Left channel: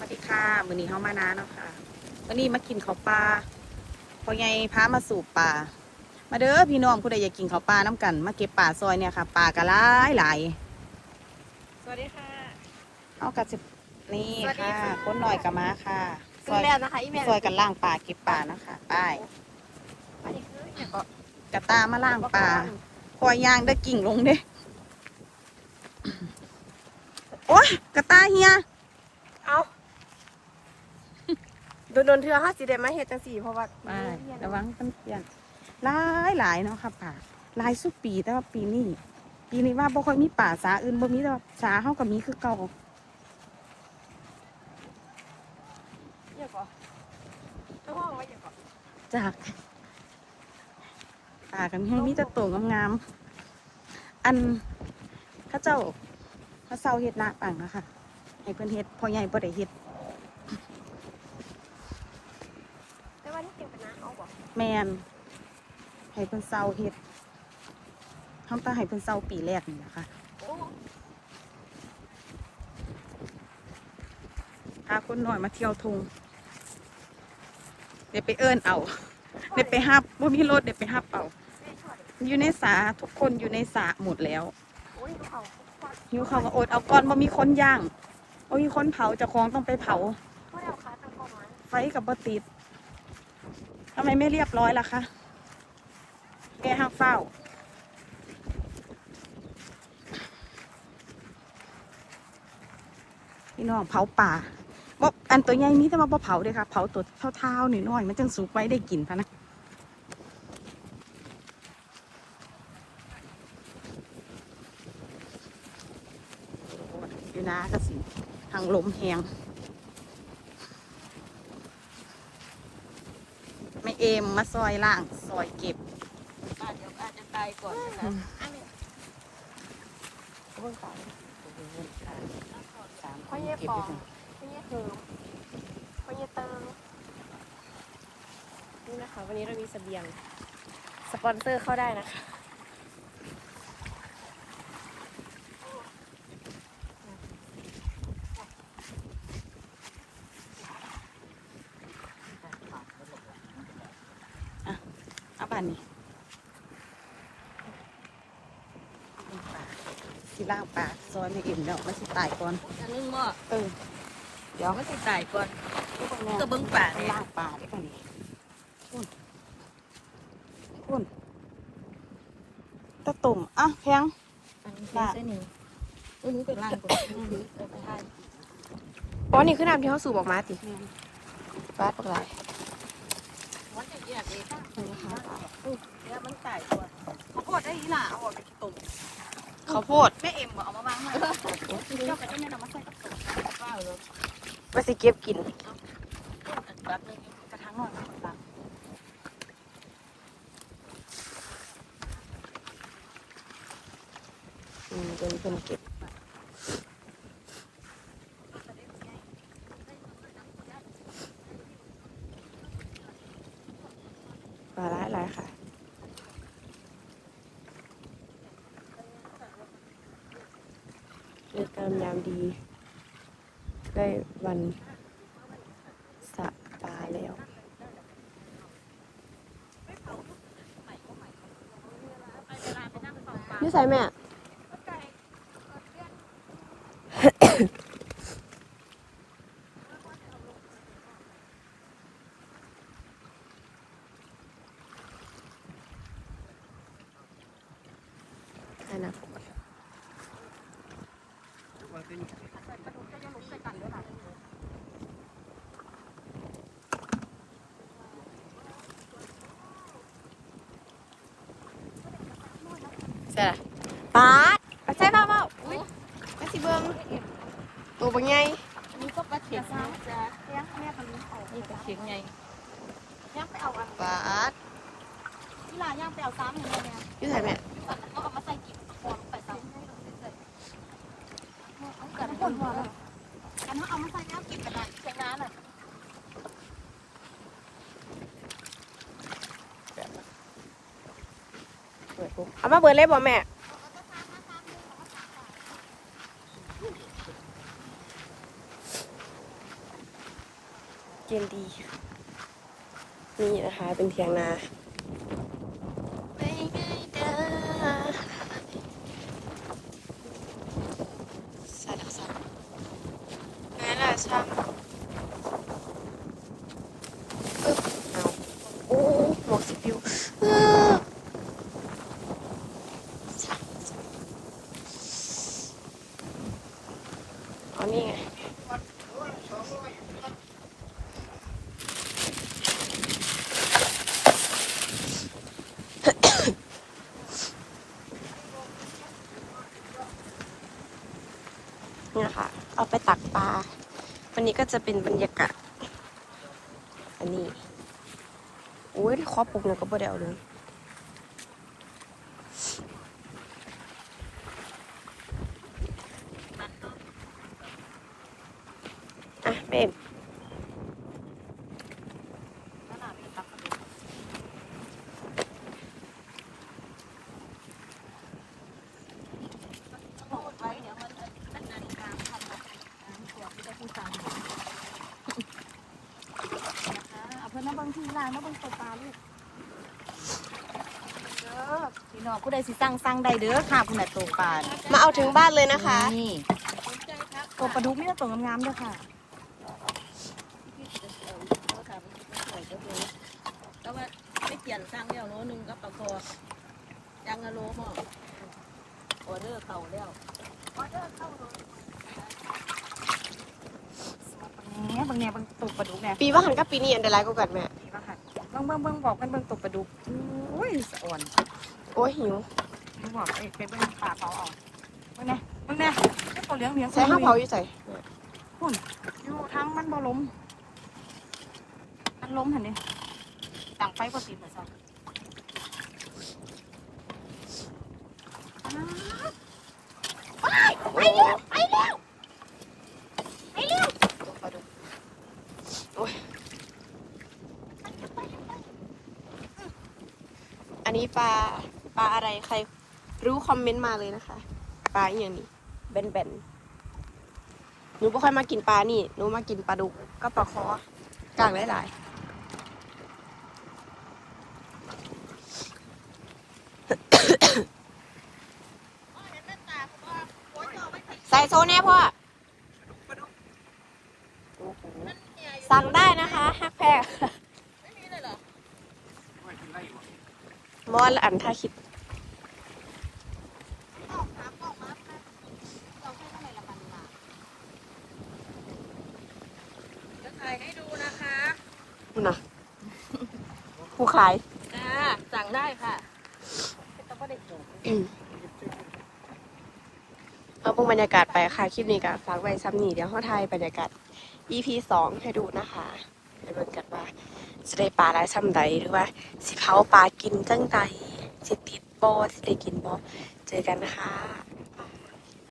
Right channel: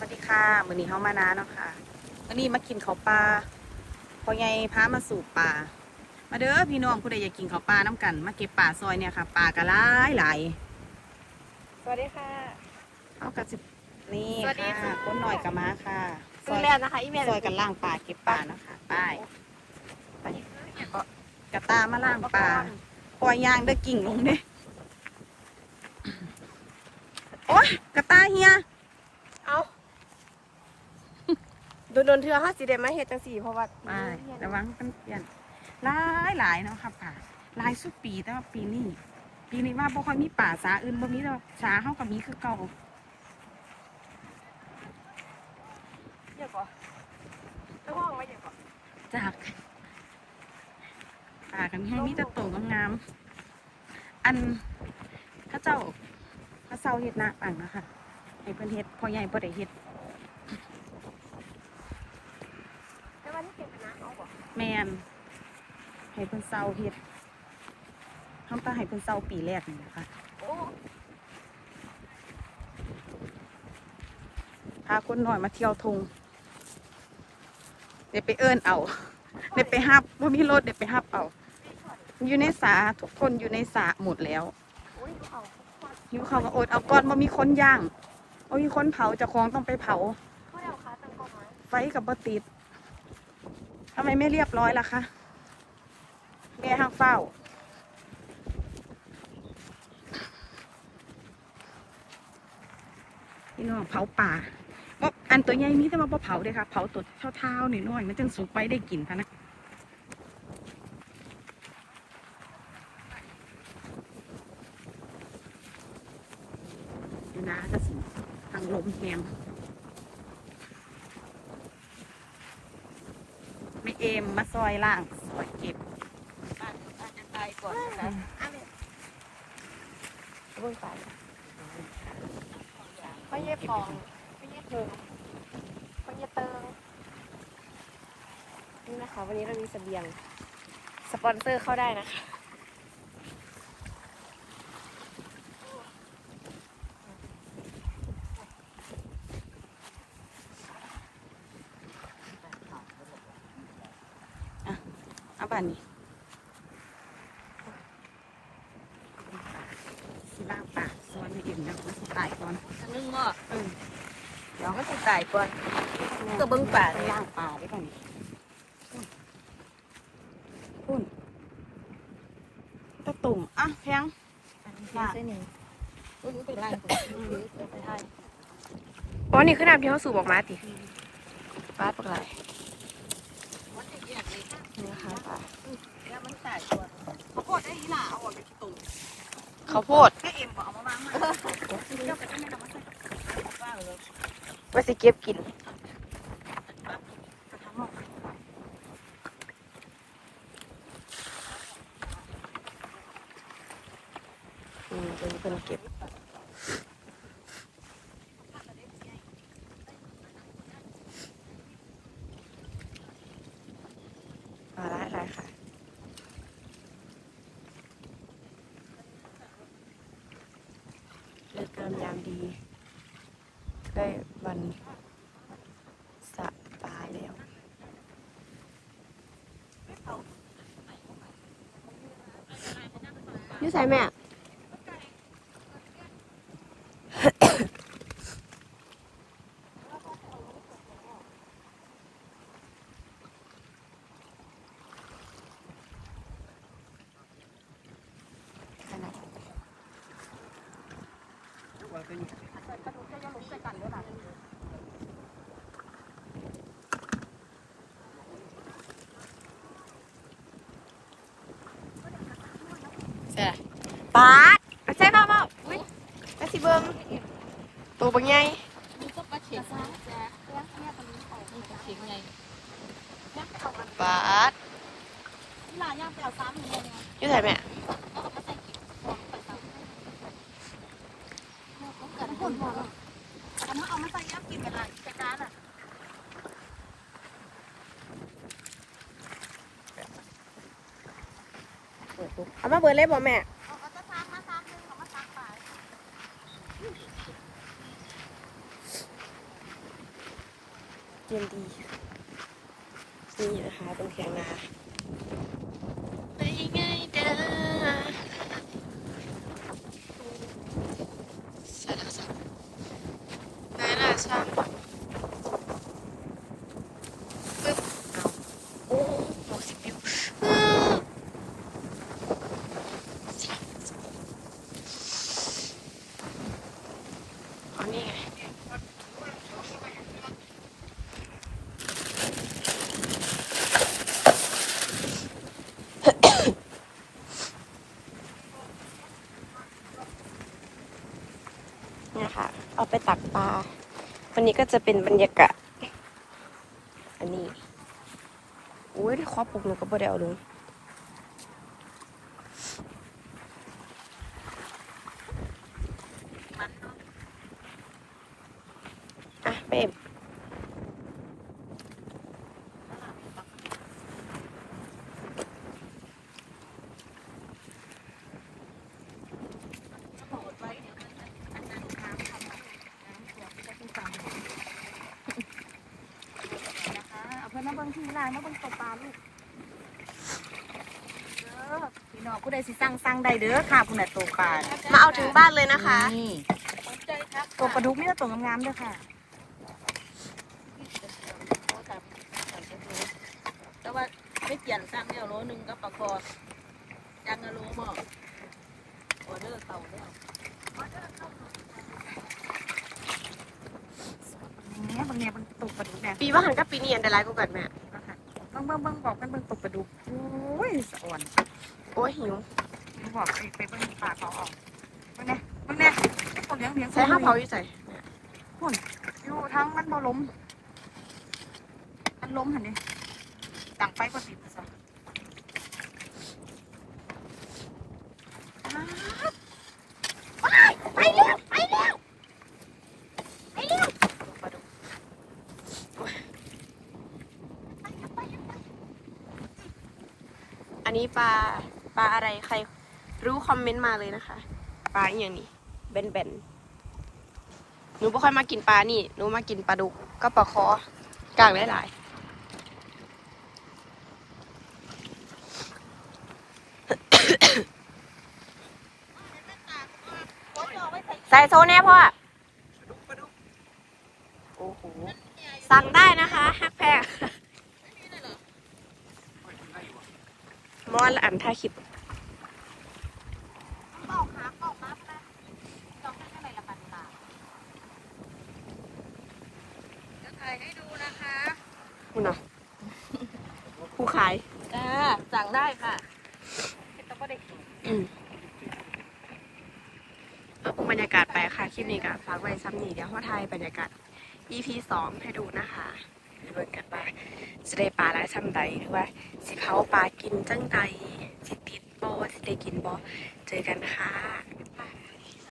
วัสดีค่ะมื้อนี้เฮามานาเนาะค่ะวันนี้มากินข้าวปลาพอไงพามาสูบปลามาเด้อพี่น้องผู้ใดอยากกินข้าวปลาน้ำกัน มาเก็บปลาซอยเนี่ยค่ะปลากระหลายหลายสวัสดีค่ะ เอากระสิบนี่สวัสดีค่ะค่ะคนหน่อยกับมาค่ะซซื้ออยแล้วนะคะอีเมลซอยกันล่างปลาเก็บปลานะคะไป้ายอันนี้คืออย่างก็กระตามาล่างปลาปล่อยยางได้กิ่งลงเด้โอ๊ยกระตาเฮียเอา โดนโดนเทือห้าสีเดมาเฮ็ดจังสี่เพราะว่าไประวังกันเปลี่ยนหลายหลายเนาะค่ะป่าหลายสุดปีแต่ว่าปีนี้ปีนี้ว่าบ่ค่อยมีป่าสาอื่นบ่มีแต่ว่าสาเฮากับมีคือเก่าอย่างก็เจ้าห้องไว้อย่างก็จากป่ากันมีมีแต่โตงามๆอันเข้าเจ้าเขาเซาเฮ็ดนาปังนะคะให้เพิ่นเฮ็ดพ่อใหญ่บ่ได้เฮ็ด แต่ว่านี่เก็บเป็นน้ำเอาบ่ แม่นให้เพิ่นเซาเฮ็ดเฮาต้องให้เพิ่นเซาปีแรกนี่นะคะโอ้พาคนหน่อยมาเที่ยวทงเดี๋ยวไปเอิ้นเอาเดี๋ยวไปฮับว่ามีรถเดี๋ยวไปฮับเอาไม่ถอดอยู่ในสาทุกคนอยู่ในสาหมดแล้วโอ้ยดูเขาเขาหิวเขาวก็อดเอาก่อนว่ามีคนย่างว่ามีคนเผาเจะคองต้องไปเผาเขาเอาขาตั้งกล้องไว้ไฟกับบติด ทำไมไม่เรียบร้อยล่ะคะแม่ห้างเฝ้า พี่น้องเผาป่าบ่อันตัวใหญ่นี้แต่ว่าบ่เผาเด้อค่ะ เผาตัวเท่าๆหน่อยๆมันจังสุกไว้ได้กินพะนะอยู่นะก็สิทางลมแหงไม่ เอมมาซอยล่างซอยเก็บอาจจะอาจจะตายก่อนนะคะอันนี้พ่อเย่ปองพ่อเย่เติมพ่อเย่เติมนี่นะคะวันนี้เรามีเสบียง สปอนเซอร์เข้าได้นะคะ เอาบ้านนี้ สิล่างปากซอยไม่เอ็มแล้วมันสิตายก่อนอันนึงหม้อเออเดี๋ยวมันจะตายก่อนก็เบิ่งป่าเลยล่างปลาได้ป่ะนี่พุ่นพุ่นตะตุ่มอะเพียงบ้านี่นี่เป็นร่างตัวไปให้อ๋อนี่คือน้ำที่เขาสูบออกมาติบ้าปลาไหลมันจะแยกเลยค่ะนี่นะคะปลาแล้วมันตายก่อนข้าวโพดได้อีหล่าเอาออกไปตุ่มข้าวโพดแม่ ว่าสิเก็บกินแบกระทั่งหน่อยตักอืมเป็นเพิ่นเก็บ ปลาหลายๆค่ะ เลือกตามยามดี ได้วันสะปาแล้วนี่ใส่แม่ ใช่ปาดเอาใช่เปล่าเปล่าอุ้ยมาสิเบิ้งตัวบางไงนี่ก็ปลาเข็งนะนี่ปลาเข็งไงย่างไปเอาอันปาดนี่ล่ะย่างไปเอาซ้ำอย่างเงี้ยเนี่ยอยุ่ใส่แม่เอาเอามาใส่กิ๊บฟองใส่ซ้ำเอาเกิด ผลมาแล้วกันว่าเอามาใส่น้ำกินกันเลยใส่น้ำอะเอามาเบิร์เลยบ่แม่เย็นดี นี่นะคะ เป็นเทียงนาไปไงเด้อสาธุสาธุมาแล้วชอบปึ๊บเอาโอ้หมวกสิบวิวเอออ๋อนี่ไง นี่นะคะ เอา ไปตักปลา วันนี้ก็จะเป็นบรรยากาศ อันนี้ อุ้ยขอปลุกหนูก็บ่ได้เอาลง อะเบม เอาเพื่อนมาเบิ่ งที่ร้านมาเบิ่งตัวปลาลูกเด้อพี่น้องผู้ใดสิสั่งสั่งได้เด้อค่ะผู้ใดตัวปลามาเอาถึงบ้านเลยนะคะ นี่ตัวปลาดุกนี่ตัวงามๆเด้อค่ะแต่ว่าไม่เปลี่ยนสั่งแล้วโลนึงก็ปลาคอจังอะโลหม้อออเดอร์เต่าแล้ว แหน่บางแหน่บางตัวปลาดุกเนี่ยปีว่าหันกับปีนี้อันตรายกว่ากันแม่นี่ว่าค่ะเบิ่งเบิ่งเบิ่งบอกกันเบิ่งตัวปลาดุกโอ้ยสะอ่อนโอ้ยหิวหนูบอกไปไปเบิ่งปลาเขาเอาเบิ่งแหน่เบิ่งแหน่ไอ้ตัวเลี้ยงเลี้ยงใส่ข้าวเผาอยู่ใส่อยู่ทั้งมันบ่ล้มมันล้มหั่นดิตั้งไปก็ติดเหมือนซะ ไปเร็วไปเร็วไปเร็วตัวปลาดุกโอ้ยอันนี้ ปลาปลาอะไรใครรู้คอมเมนต์มาเลยนะคะ ปลาอย่างนี้เบนเบนหนูไม่ค่อยมากินปลานี่หนูมากินปลาดุกก็ปลาคอกลางหลายๆใส่โซแน่พ่อสั่งได้นะคะฮักแพง มอนละอันท่าคลิปจะถ่ายให้ดูนะคะคุณน่ะผู้ขายจ้าสั่งได้ค่ะแต่ก็ได้เห็นอืมเอาพวกบรรยากาศไปค่ะ คลิปนี้ก็ฝากไว้ซ้ำนี่เดี๋ยวเขาถ่ายบรรยากาศ EP สองให้ดูนะคะไปเบิ่งกันว่า สิได้ปลาได้ซ้ำใดหรือว่า สิเผาปลากินจังใดสิติดบอสิได้กินบอเจอกันนะคะ